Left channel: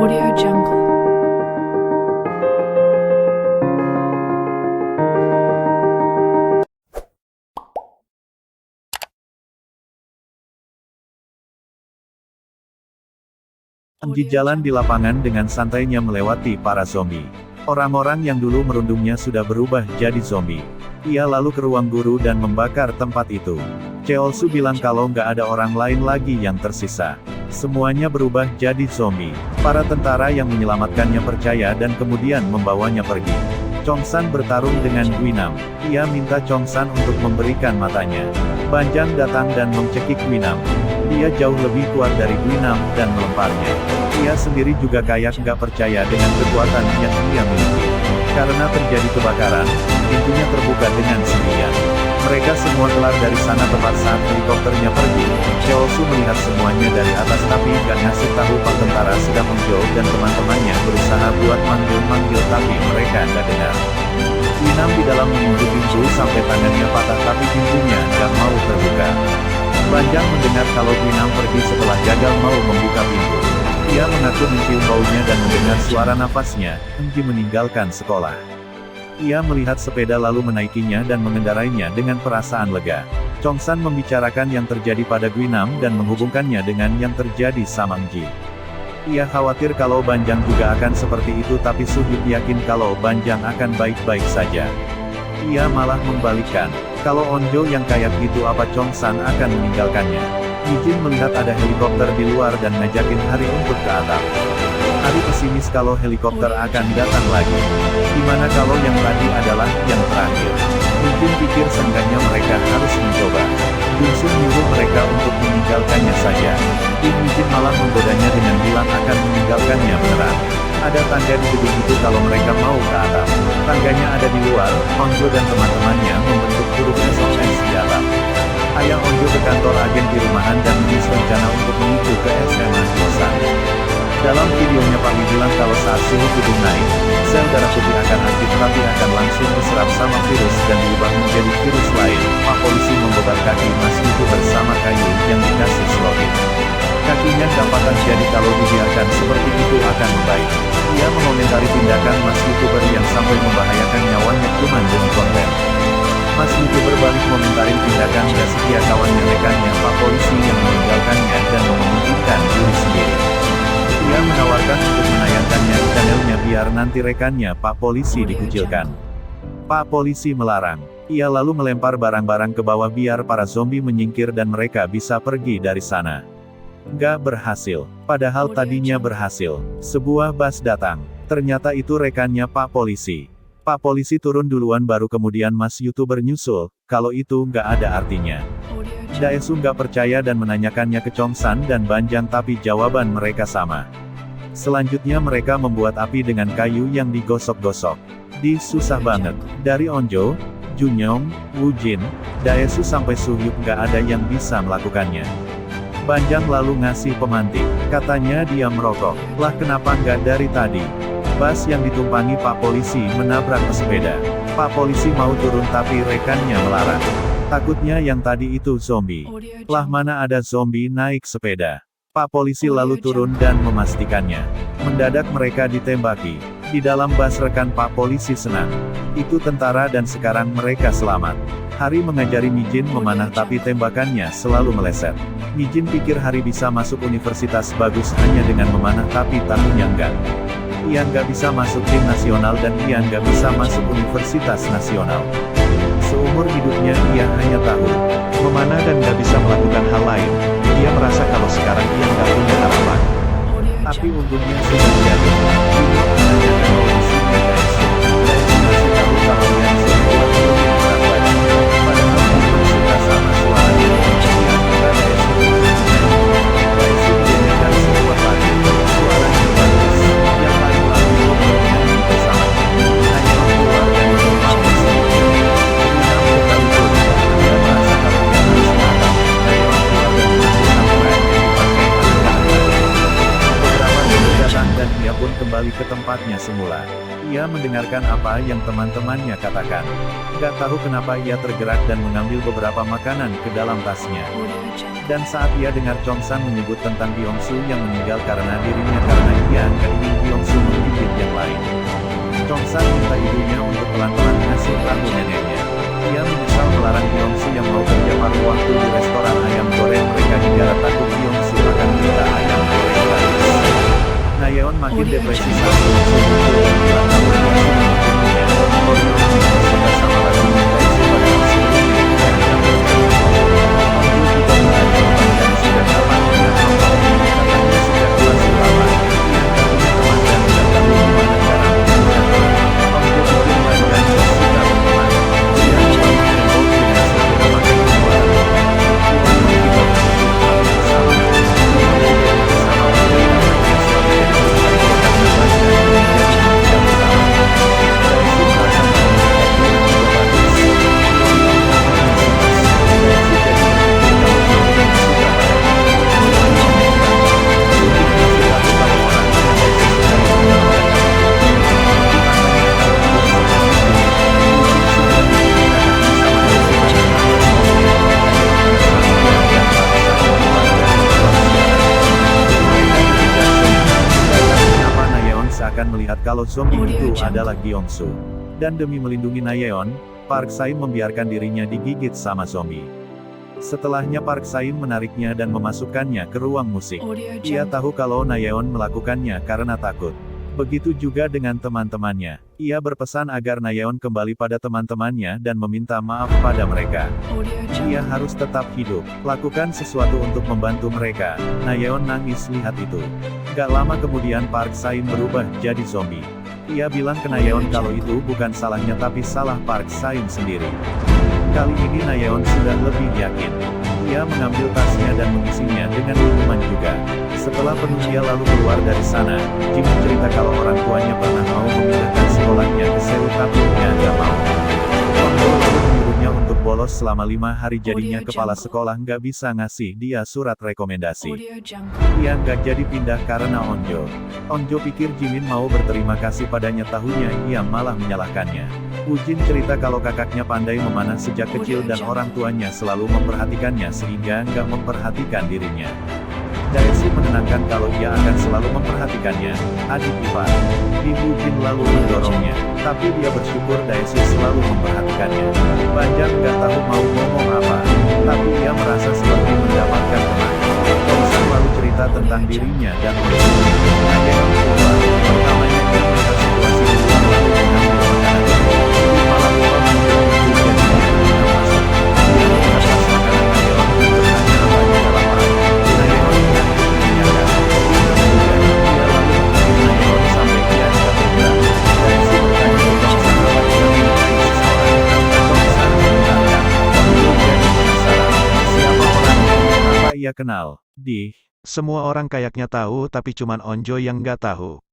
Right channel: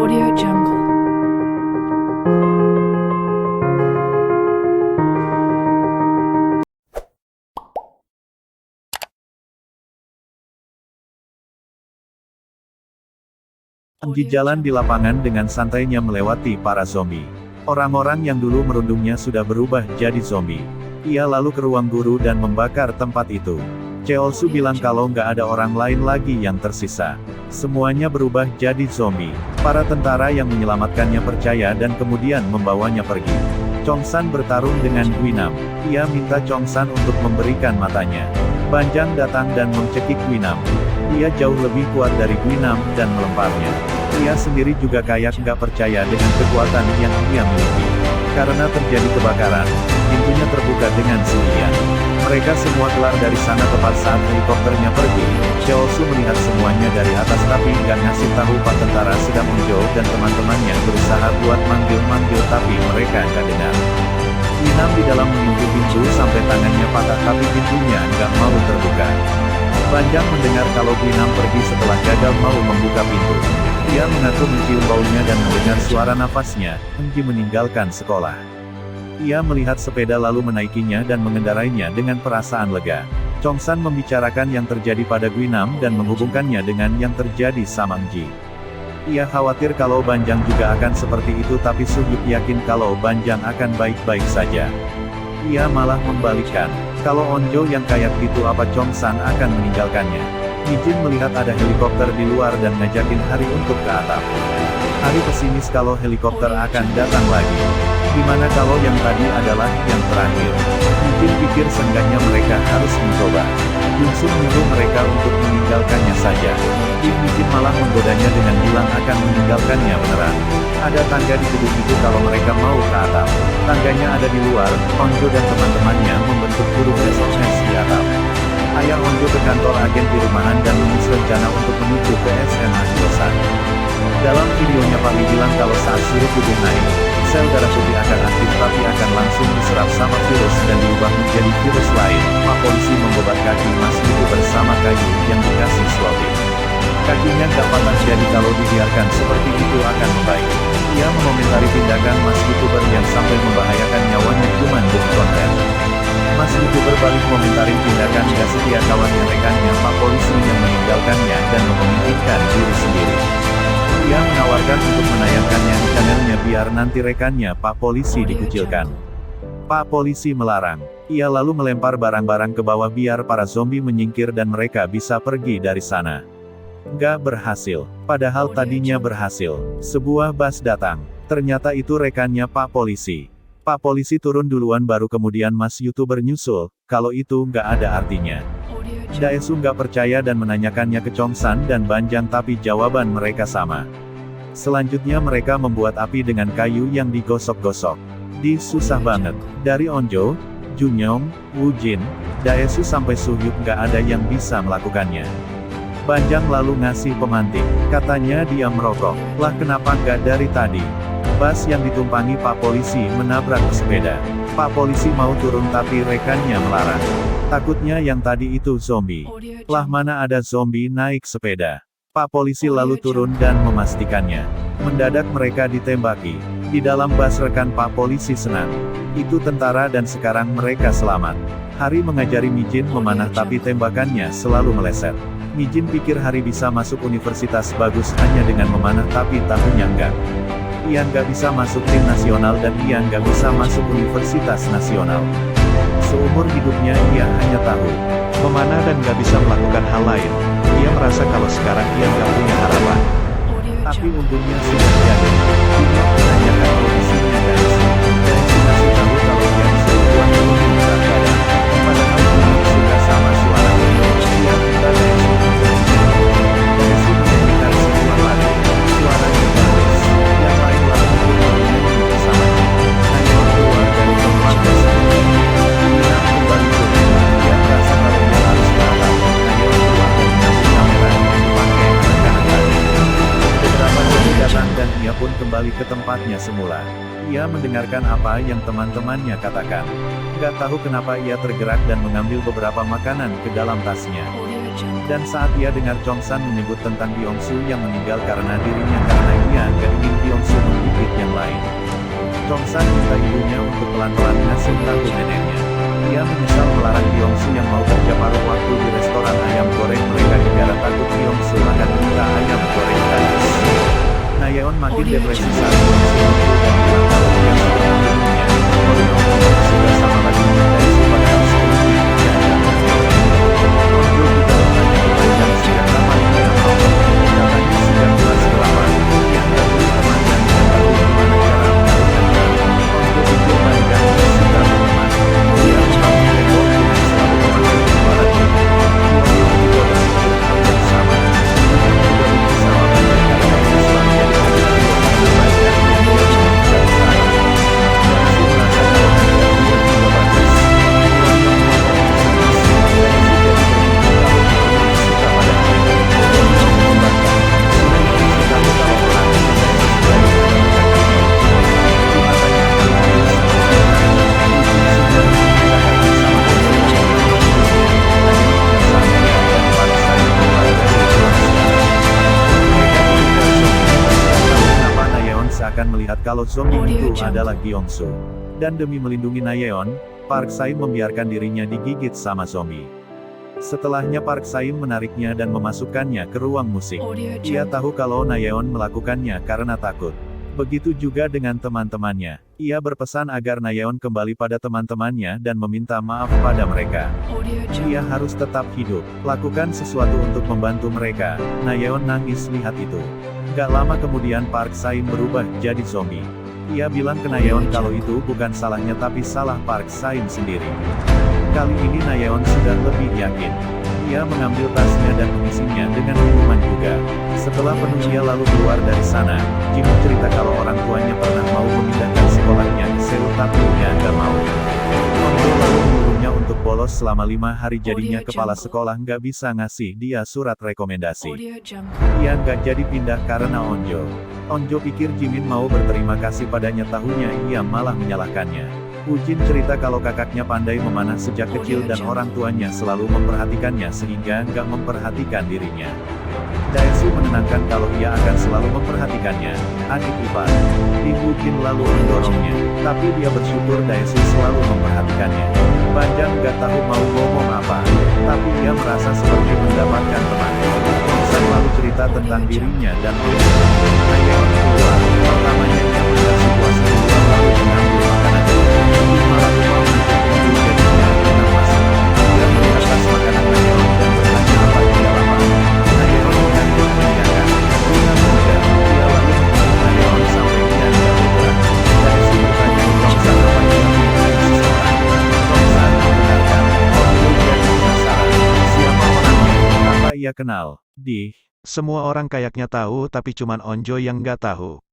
Audio Jungle. Anji jalan di lapangan dengan santainya melewati para zombie. Orang-orang yang dulu merundungnya sudah berubah jadi zombie. Ia lalu ke ruang guru dan membakar tempat itu. Cheolsu bilang kalau nggak ada orang lain lagi yang tersisa. Semuanya berubah jadi zombie. Para tentara yang menyelamatkannya percaya dan kemudian membawanya pergi. Chongsan bertarung dengan Guinam. Ia minta Chongsan untuk memberikan matanya. Banjang datang dan mencekik Guinam. Dia jauh lebih kuat dari Guinam dan melemparnya. Ia sendiri juga kayak nggak percaya dengan kekuatan yang ia miliki. Karena terjadi kebakaran, pintunya terbuka dengan sendirian. Mereka semua kelar dari sana tepat saat helikopternya pergi. Cheolsu melihat semuanya dari atas tapi nggak ngasih tahu Pak tentara sedang Onjo dan teman-temannya berusaha buat manggil-manggil tapi mereka nggak dengar. Guinam di dalam menunggu pintu sampai tangannya patah tapi pintunya nggak mau terbuka. Banjang mendengar kalau Guinam pergi setelah gagal mau membuka pintu. Ia mengaku mencium baunya dan mendengar suara nafasnya. Enji meninggalkan sekolah. Ia melihat sepeda lalu menaikinya dan mengendarainya dengan perasaan lega. Chongsan membicarakan yang terjadi pada Guinam dan menghubungkannya dengan yang terjadi sama Enji. Ia khawatir kalau Banjang juga akan seperti itu tapi Suhyuk yakin kalau Banjang akan baik-baik saja. Ia malah membalikkan. Kalau Onjo yang kayak gitu apa Chongsan akan meninggalkannya. Mijin melihat ada helikopter di luar dan ngajakin Hari untuk ke atap. Hari pesimis kalau helikopter akan datang lagi. Gimana kalau yang tadi adalah yang terakhir? Mijin pikir seenggaknya mereka harus mencoba. Junsun nyuruh mereka untuk meninggalkannya saja. Kim Mijin malah menggodanya dengan bilang akan meninggalkannya beneran. Ada tangga di gedung itu kalau mereka mau ke atap. Tangganya ada di luar, Onjo dan teman-temannya membentuk huruf SOS di atap. Ayah Onjo ke kantor agen di rumahan dan menulis rencana untuk menuju ke SMA Hyosan. Dalam videonya Pak Lee bilang kalau saat suhu tubuh naik, sel darah putih akan aktif tapi akan langsung diserap sama virus dan diubah menjadi virus lain. Pak polisi membobat kaki Mas itu bersama kayu yang dikasih selotip. Kakinya nggak patah jadi kalau dibiarkan seperti itu akan membaik. Ia mengomentari tindakan Mas YouTuber yang sampai membahayakan nyawanya cuman demi konten. Mas YouTuber balik komentarin tindakan gak setia kawannya rekannya Pak polisi yang meninggalkannya dan memungkinkan diri sendiri. Ia menawarkan untuk menayangkannya di channelnya biar nanti rekannya Pak polisi dikucilkan. Pak polisi melarang. Ia lalu melempar barang-barang ke bawah biar para zombie menyingkir dan mereka bisa pergi dari sana. Gak berhasil. Padahal tadinya berhasil. Sebuah bus datang. Ternyata itu rekannya Pak polisi. Pak polisi turun duluan baru kemudian Mas YouTuber nyusul. Kalau itu nggak ada artinya. Daesu nggak percaya dan menanyakannya ke Chongsan dan Banjang tapi jawaban mereka sama. Selanjutnya mereka membuat api dengan kayu yang digosok-gosok. Susah banget. Dari Onjo, Junyong, Woo-jin, Daesu sampai Suhyuk nggak ada yang bisa melakukannya. Banjang lalu ngasih pemantik. Katanya dia merokok. Lah kenapa nggak dari tadi? Bus yang ditumpangi Pak polisi menabrak pesepeda. Pak polisi mau turun tapi rekannya melarang. Takutnya yang tadi itu zombie. Lah mana ada zombie naik sepeda. Pak polisi lalu turun dan memastikannya. Mendadak mereka ditembaki. Di dalam bus rekan Pak polisi senang. Itu tentara dan sekarang mereka selamat. Hari mengajari Mijin memanah tapi tembakannya selalu meleset. Mijin pikir Hari bisa masuk universitas bagus hanya dengan memanah tapi tahunya enggak. Ia nggak bisa masuk tim nasional dan ia nggak bisa masuk universitas nasional. Seumur hidupnya ia hanya tahu memanah dan nggak bisa melakukan hal lain. Ia merasa kalau sekarang ia nggak punya harapan. Tapi untungnya sudah jadi. Junyong menanyakan audisinya Daesu. Daesu ngasih tahu kalau dia bisa buat turunin berat badan. Padahal Junyong suka sama suaranya. Ia minta Daesu untuk menyanyi. Daesu menyanyikan sebuah lagu. Suaranya bagus. Yang lain lalu pun bernyanyi bersamanya. Hanya keluar dari tempat tersebut. Guinam kembali turun. Dia merasa kalau dia harus ke atap. Nayeon keluar dan mengambil kamera yang dipakai anak-anak tadi. Beberapa zombie datang dan ia pun kembali ke tempatnya semula. Ia mendengarkan apa yang teman-temannya katakan. Gak tahu kenapa ia tergerak dan mengambil beberapa makanan ke dalam tasnya. Dan saat ia dengar Chongsan menyebut tentang Byung-su yang meninggal karena dirinya karena ia gak ingin Byung-su menggigit yang lain. Chongsan minta ibunya untuk pelan-pelan ngasih tahu neneknya. Ia menyesal melarang Byung-su yang mau kerja paruh waktu di restoran ayam goreng mereka hingga takut Byung-su akan minta ayam goreng gratis. Nayeon makin depresi saat Byung-su muncul dan bilang kalau dia sudah membunuhnya. Byung-su sudah sama lagi Dae-su padahal sebelumnya dia ada berbeda. Onjo juga bertanya kepanjang sejak kapan dia merokok. Katanya sejak kelas 8. Ia tak punya teman dan tidak tahu gimana cara melakukannya. Onjo pikir Banjang tak suka berteman. Dia membangun tembok dengan selalu memakai pengeluaran dompet. Won juga berpikir hal yang sama. Dia mudah benci sama Banjang karena ia selalu jadi peringkat 2 karena Banjang yang jadi peringkat utama. Dae-su merasa kalau peringkat 2 juga bagus. Won ngomongnya sinis. Dae-su jadi berpikir kalau Won suka padanya. Won membantah. Ujin masih tahu kalau orang yang Dae-su sukai adalah kakaknya. Di matanya kalau Won seperti itu. Ujin sudah dibunuh kakaknya sama Dae-su dan tidak membunuhnya. Hanya mengingatkan dia dan paksa keluar dari ruang siaran. Mereka mengejar zombie. Gak tahu kenapa Nayeon seakan melihat kalau zombie itu adalah Gyeongsu. Dan demi melindungi Nayeon, Park Saim membiarkan dirinya digigit sama zombie. Setelahnya Park Saim menariknya dan memasukkannya ke ruang musik. Ia tahu kalau Nayeon melakukannya karena takut. Begitu juga dengan teman-temannya. Ia berpesan agar Nayeon kembali pada teman-temannya dan meminta maaf pada mereka. Ia harus tetap hidup, lakukan sesuatu untuk membantu mereka. Nayeon nangis lihat itu. Gak lama kemudian Park Saim berubah jadi zombie. Ia bilang ke Nayeon kalau itu bukan salahnya tapi salah Park Saim sendiri. Kali ini Nayeon sudah lebih yakin. Ia mengambil tasnya dan mengisinya dengan minuman juga. Setelah penuh dia lalu keluar dari sana. Jimin cerita kalau orang tuanya pernah mau memindahkan sekolahnya ke Seoul tapi dia nggak mau. Onjo lalu menyuruhnya untuk bolos selama 5 hari jadinya kepala sekolah nggak bisa ngasih dia surat rekomendasi. Ia nggak jadi pindah karena Onjo. Onjo pikir Jimin mau berterima kasih padanya tahunya ia malah menyalahkannya. Ujin cerita kalau kakaknya pandai memanah sejak kecil dan orang tuanya selalu memperhatikannya sehingga nggak memperhatikan dirinya. Dae-su menenangkan kalau ia akan selalu memperhatikannya, adik ipar. Ujin lalu mendorongnya, tapi dia bersyukur Dae-su selalu memperhatikannya. Banjang nggak tahu mau ngomong apa, tapi ia merasa seperti mendapatkan teman. Chongsan lalu cerita tentang dirinya dan Onjo. Nayeon keluar, pertamanya dia melihat situasi di luar lalu mengambil makanan. Di malam lupa menutup pintu jadinya dia masuk. Dia melihat tas makanan Nayeon dan bertanya apa dia lapar. Nayeon mengangguk mengiyakan. Dia juga. Dia lalu mengikuti Nayeon sampai dia tidak bergerak. Dae-su bertanya ke Chongsan apa dia menyukai seseorang. Chongsan membenarkan. Onjo jadi penasaran. Siapa orangnya? Apa ia kenal? Semua orang kayaknya tahu tapi cuman Onjo yang nggak tahu.